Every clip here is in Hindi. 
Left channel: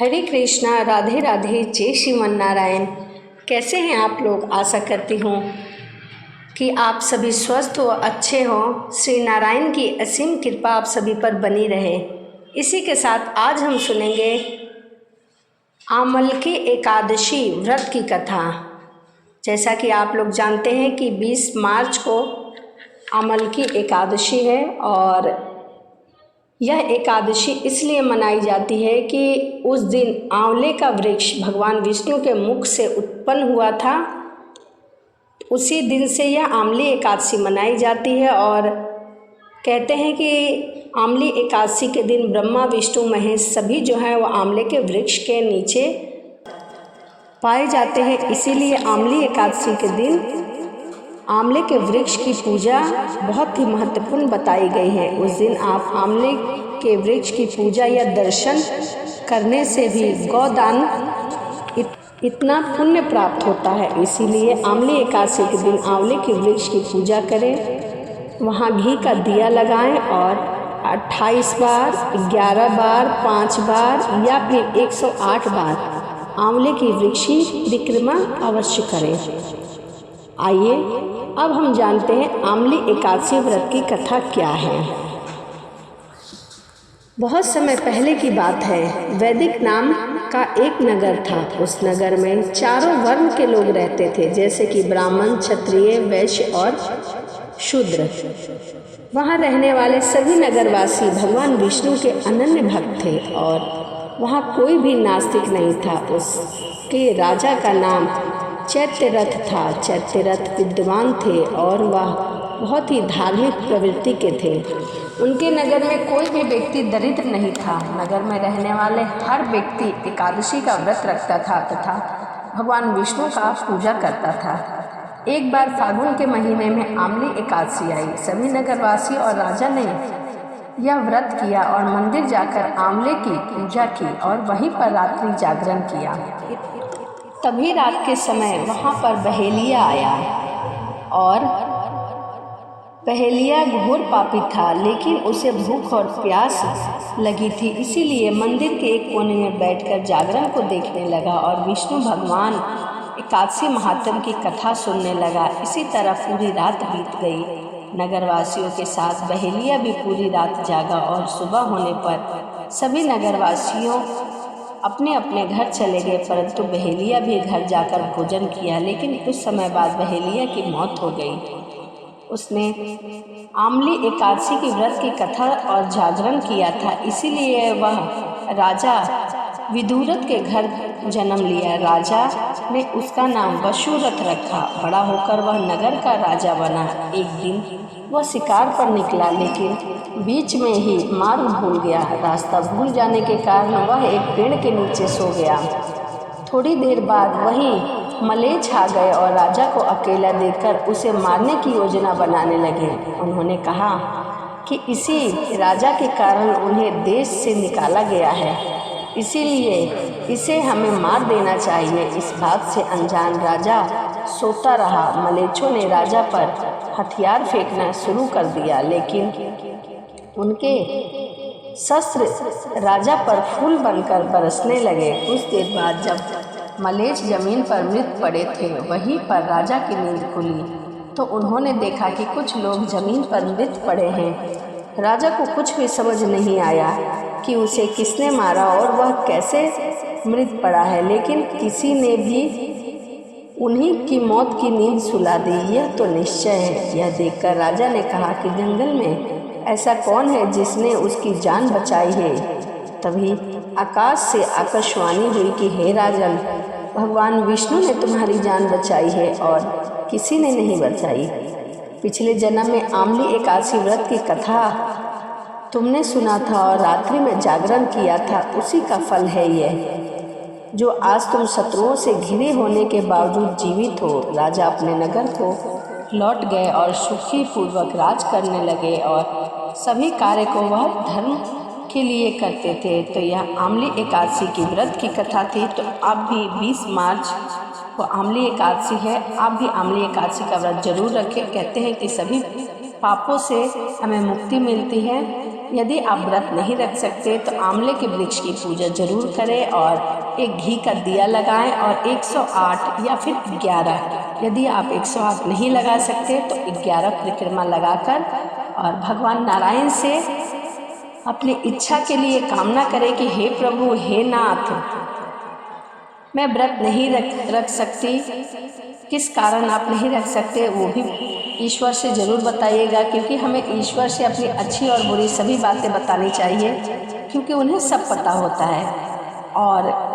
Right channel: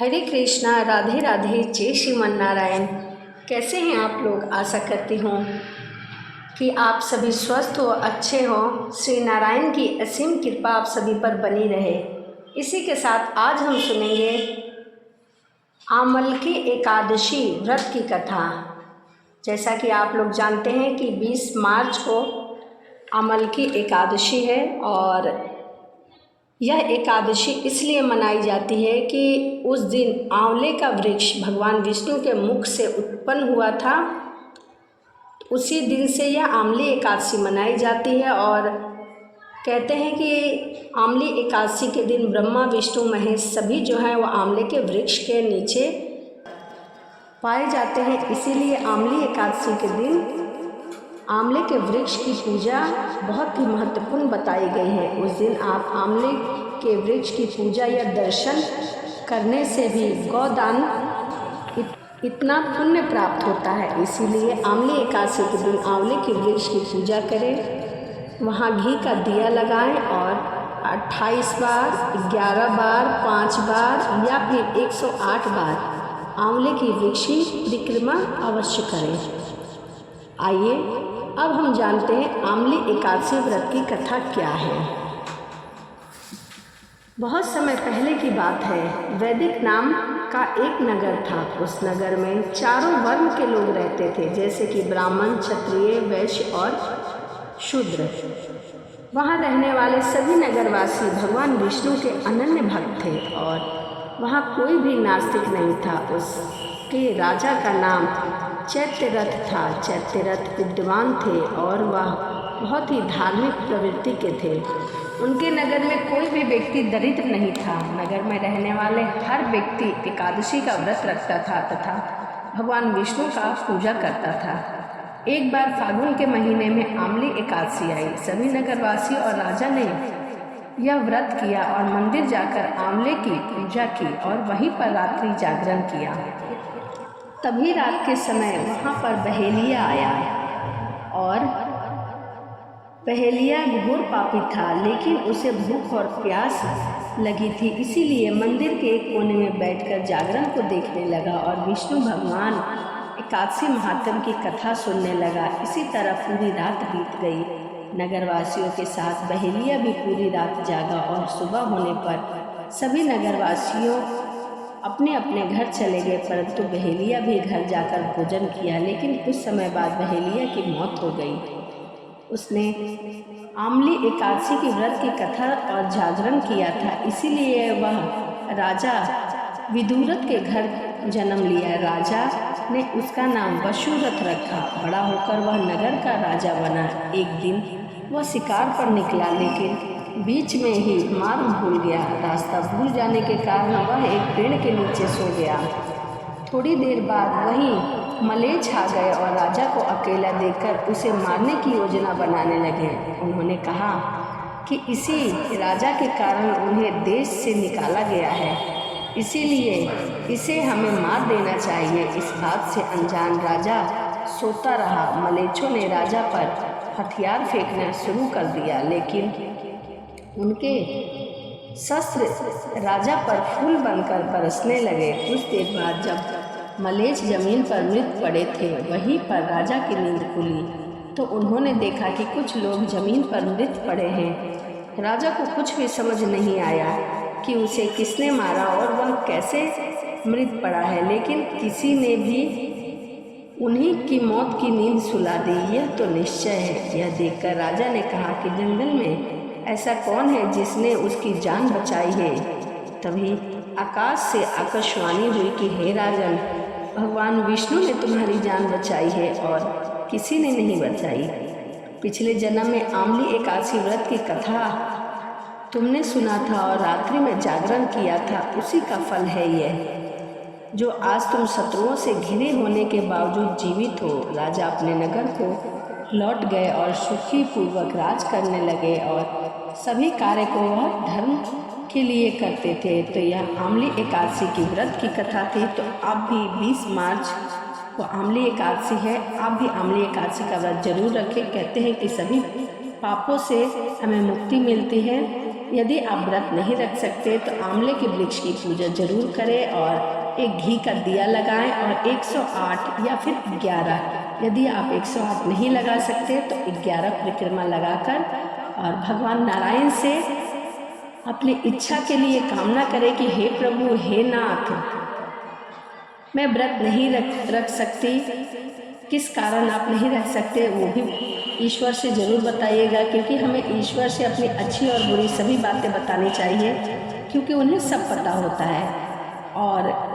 हरे कृष्णा, राधे राधे, जय श्रीमन नारायण। कैसे हैं आप लोग? आशा करती हूँ कि आप सभी स्वस्थ हो, अच्छे हों। श्री नारायण की असीम कृपा आप सभी पर बनी रहे। इसी के साथ आज हम सुनेंगे आमलकी एकादशी व्रत की कथा। जैसा कि आप लोग जानते हैं कि 20 मार्च को आमलकी एकादशी है और यह एकादशी इसलिए मनाई जाती है कि उस दिन आंवले का वृक्ष भगवान विष्णु के मुख से उत्पन्न हुआ था। उसी दिन से यह आंवली एकादशी मनाई जाती है और कहते हैं कि आंवली एकादशी के दिन ब्रह्मा विष्णु महेश सभी जो हैं वो आंवले के वृक्ष के नीचे पाए जाते हैं। इसीलिए आंवली एकादशी के दिन आंवले के वृक्ष की पूजा बहुत ही महत्वपूर्ण बताई गई है। उस दिन आप आंवले के वृक्ष की पूजा या दर्शन करने से भी गौदान इतना पुण्य प्राप्त होता है। इसीलिए आंवले एकादशी के दिन आंवले के वृक्ष की पूजा करें, वहाँ घी का दिया लगाएं और 28 बार, 11 बार, 5 बार या फिर 108 बार आंवले की वृक्ष की परिक्रमा अवश्य करें। आइए अब हम जानते हैं आंवली एकादशी व्रत की कथा क्या है। बहुत समय पहले की बात है, वैदिक नाम का एक नगर था। उस नगर में चारों वर्ण के लोग रहते थे, जैसे कि ब्राह्मण, क्षत्रिय, वैश्य और शूद्र। वहाँ रहने वाले सभी नगरवासी भगवान विष्णु के अनन्य भक्त थे और वहाँ कोई भी नास्तिक नहीं था। उसके राजा का नाम चैत्यरथ था। चैत्यरथ विद्वान थे और वह बहुत ही धार्मिक प्रवृत्ति के थे। उनके नगर में कोई भी व्यक्ति दरिद्र नहीं था। नगर में रहने वाले हर व्यक्ति एकादशी का व्रत रखता था तथा भगवान विष्णु का पूजा करता था। एक बार फागुन के महीने में आंवली एकादशी आई। सभी नगरवासी और राजा ने यह व्रत किया और मंदिर जाकर आंवले की पूजा की और वहीं पर रात्रि जागरण किया। तभी रात के समय वहाँ पर बहेलिया आया और बहेलिया घोर पापी था, लेकिन उसे भूख और प्यास लगी थी। इसीलिए मंदिर के एक कोने में बैठकर जागरण को देखने लगा और विष्णु भगवान एकादशी महात्म्य की कथा सुनने लगा। इसी तरह पूरी रात बीत गई। नगरवासियों के साथ बहेलिया भी पूरी रात जागा और सुबह होने पर सभी नगरवासियों अपने अपने घर चले गए, परंतु बहेलिया भी घर जाकर भोजन किया। लेकिन कुछ समय बाद बहेलिया की मौत हो गई। उसने आंवली एकादशी की व्रत की कथा और जागरण किया था, इसीलिए वह राजा विदुरथ के घर जन्म लिया। राजा ने उसका नाम वसुरथ रखा। बड़ा होकर वह नगर का राजा बना। एक दिन वह शिकार पर निकला, लेकिन बीच में ही मार्ग भूल गया। रास्ता भूल जाने के कारण वह एक पेड़ के नीचे सो गया। थोड़ी देर बाद वहीं मलेच्छ आ गए और राजा को अकेला देखकर उसे मारने की योजना बनाने लगे। उन्होंने कहा कि इसी राजा के कारण उन्हें देश से निकाला गया है, इसीलिए इसे हमें मार देना चाहिए। इस बात से अनजान राजा सोता रहा। मलेच्छों ने राजा पर हथियार फेंकना शुरू कर दिया, लेकिन उनके शस्त्र राजा पर फूल बनकर बरसने लगे। कुछ देर बाद जब मलेच्छ जमीन पर मृत पड़े थे, वहीं पर राजा की नींद खुली तो उन्होंने देखा कि कुछ लोग जमीन पर मृत पड़े हैं। राजा को कुछ भी समझ नहीं आया कि उसे किसने मारा और वह कैसे मृत पड़ा है, लेकिन किसी ने भी उन्हीं की मौत की नींद सुला दी, यह तो निश्चय है। यह देखकर राजा ने कहा कि जंगल में ऐसा कौन है जिसने उसकी जान बचाई है। तभी आकाश से आकाशवाणी हुई कि हे राजन, भगवान विष्णु ने तुम्हारी जान बचाई है और किसी ने नहीं बचाई। पिछले जन्म में आंवली एकादशी व्रत की कथा तुमने सुना था और रात्रि में जागरण किया था, उसी का फल है यह, जो आज तुम शत्रुओं से घिरे होने के बावजूद जीवित हो। राजा अपने नगर को लौट गए और सुखी पूर्वक राज करने लगे और सभी कार्य को वह धर्म के लिए करते थे। तो यह आंवली एकादशी की व्रत की कथा थी। तो आप भी 20 मार्च को आंवली एकादशी है, आप भी आंवली एकादशी का व्रत जरूर रखें। कहते हैं कि सभी पापों से हमें मुक्ति मिलती है। यदि आप व्रत नहीं रख सकते तो आंवले के वृक्ष की पूजा जरूर करें और एक घी का दिया लगाएं और 108 या फिर 11, यदि आप 108 नहीं लगा सकते तो 11 परिक्रमा लगाकर और भगवान नारायण से अपनी इच्छा के लिए कामना करें कि हे प्रभु, हे नाथ, मैं व्रत नहीं रख सकती। किस कारण आप नहीं रख सकते वो भी ईश्वर से ज़रूर बताइएगा, क्योंकि हमें ईश्वर से अपनी अच्छी और बुरी सभी बातें बतानी चाहिए, क्योंकि उन्हें सब पता होता है। और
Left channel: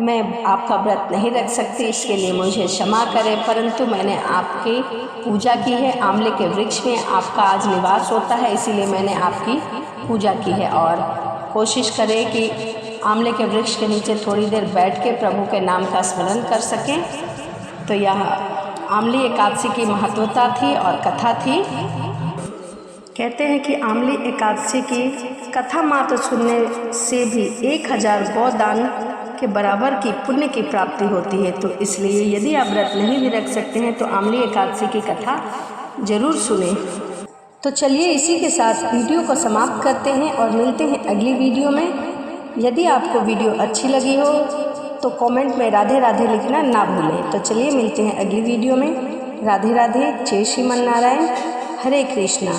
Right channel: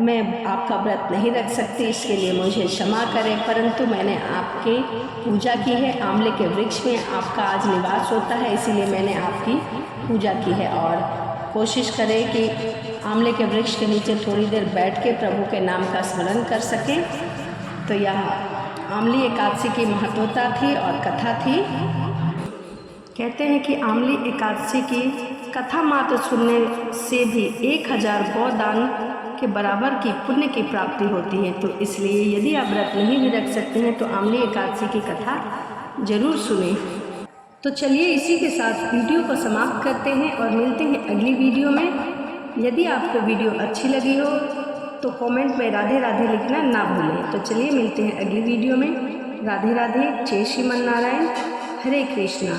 मैं आपका व्रत नहीं रख सकती, इसके लिए मुझे क्षमा करें, परंतु मैंने आपकी पूजा की है। आंवले के वृक्ष में आपका आज निवास होता है, इसीलिए मैंने आपकी पूजा की है। और कोशिश करें कि आंवले के वृक्ष के नीचे थोड़ी देर बैठ के प्रभु के नाम का स्मरण कर सकें। तो यह आंवली एकादशी की महत्वता थी और कथा थी। कहते हैं कि आंवली एकादशी की कथा मात्र सुनने से भी 1000 गौदान के बराबर की पुण्य की प्राप्ति होती है। तो इसलिए यदि आप व्रत नहीं भी रख सकते हैं तो आंवली एकादशी की कथा जरूर सुने। तो चलिए इसी के साथ वीडियो को समाप्त करते हैं और मिलते हैं अगली वीडियो में। यदि आपको वीडियो अच्छी लगी हो तो कमेंट में राधे राधे लिखना ना भूलें। तो चलिए मिलते हैं अगली वीडियो में। राधे राधे, जय श्रीमन नारायण, हरे कृष्णा।